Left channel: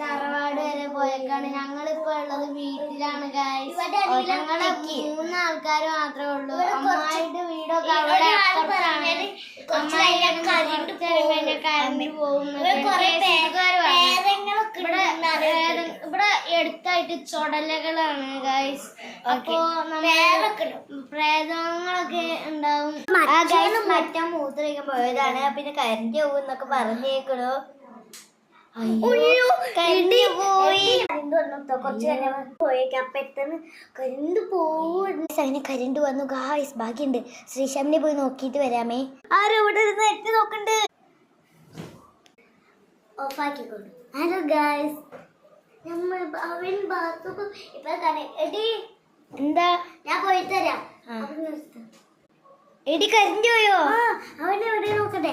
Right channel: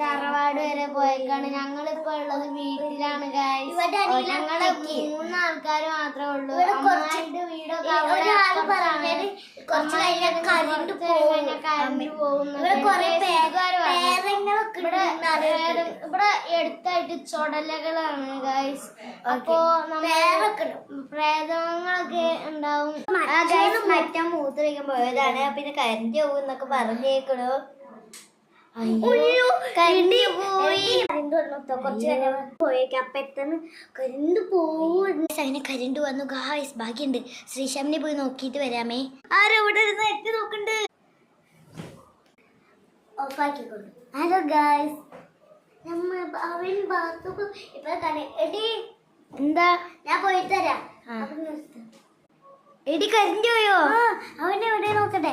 തറവാട് വരെ പോയേക്കാണ്. ഞങ്ങളിപ്പോ ഉള്ളത് വീട്ടിലാണ് ഗൈസ്. ഞങ്ങള് 3 ആൾക്കാർ മാത്രമേ ഉള്ളൂ. അമ്മായിന്റെ വീടൊക്കെ അവിടെ അപ്പുറത്താണ്. അമ്മായിന്റെ കറണ്ട് പോകും. ഇവിടെ എടുത്തായിട്ട് ചുടലകളാണ് ഗൈസ്. അപ്പോ പ്രേതങ്ങളൊക്കെ ഉണ്ടാവും. മറ്റേ മൂത്രമൊഴിക്കാൻ പോയതാണ്. പിന്നെ കരണ്ട് പോകും എന്നൊക്കെ പറഞ്ഞേക്കണു. കരണ്ട് വന്നു ഗായ്സ്. ബാക്കിയുണ്ട്. ശ്രീശാമിനെ പോയി നോക്കിയിട്ട് വരാമേ. ആരോടെ എത്തി നോക്കണ്ട്. ഓഫാക്കിക്കൊണ്ടു. ഹലോ ഗായ്സ്, അവൻ ബാത്റൂം എടി എന്താ ഞാൻ പോയി തരാം. എടി കരണ്ട് പോയോ? അവനെ എവിടെ നോക്കട്ടെ.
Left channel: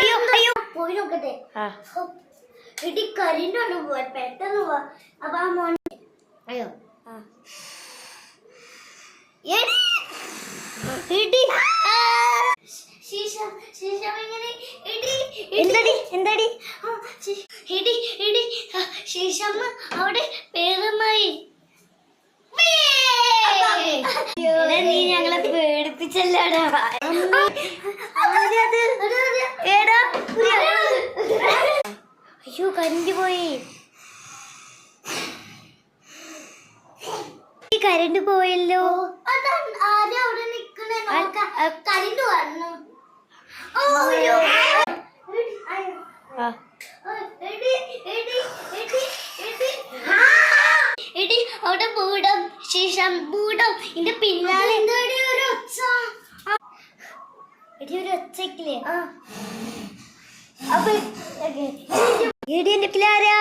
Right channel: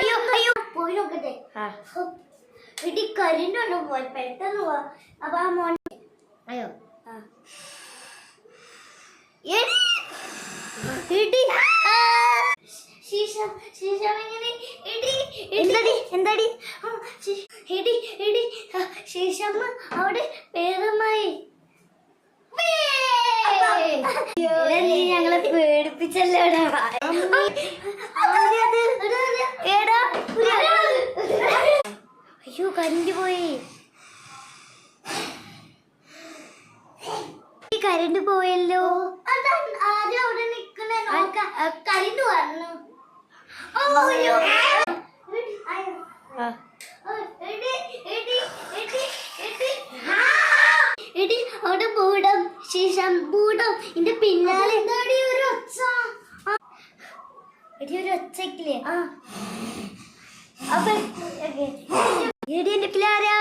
അയ്യോ അയ്യോ പോയി നോക്കട്ടെ. എടി കരണ്ട് വന്നു പോവാൻ പെട്ടെന്ന് പോവാ. അപ്പൊ ആ മോൻ അയ്യോ എന്താടി ശേഷമ്മ അവിടെ പേരുമായി. നീ ഞങ്ങളെ പേടിപ്പിച്ചല്ലോടാ. അയ്യോ കരണ്ട് പോയി. കരണ്ട് പോയല്ലോ. കരണ്ട് വന്നു. എടി അവിടെ ബൂടം ശേഷം ബൂടം എന്റെ പിന്നാലെ ഒരു ഒച്ച. എടി ഒരു ഒച്ചക്കില്ലേ? അപ്പൊ എടി എന്റെ പിള്ളേരാ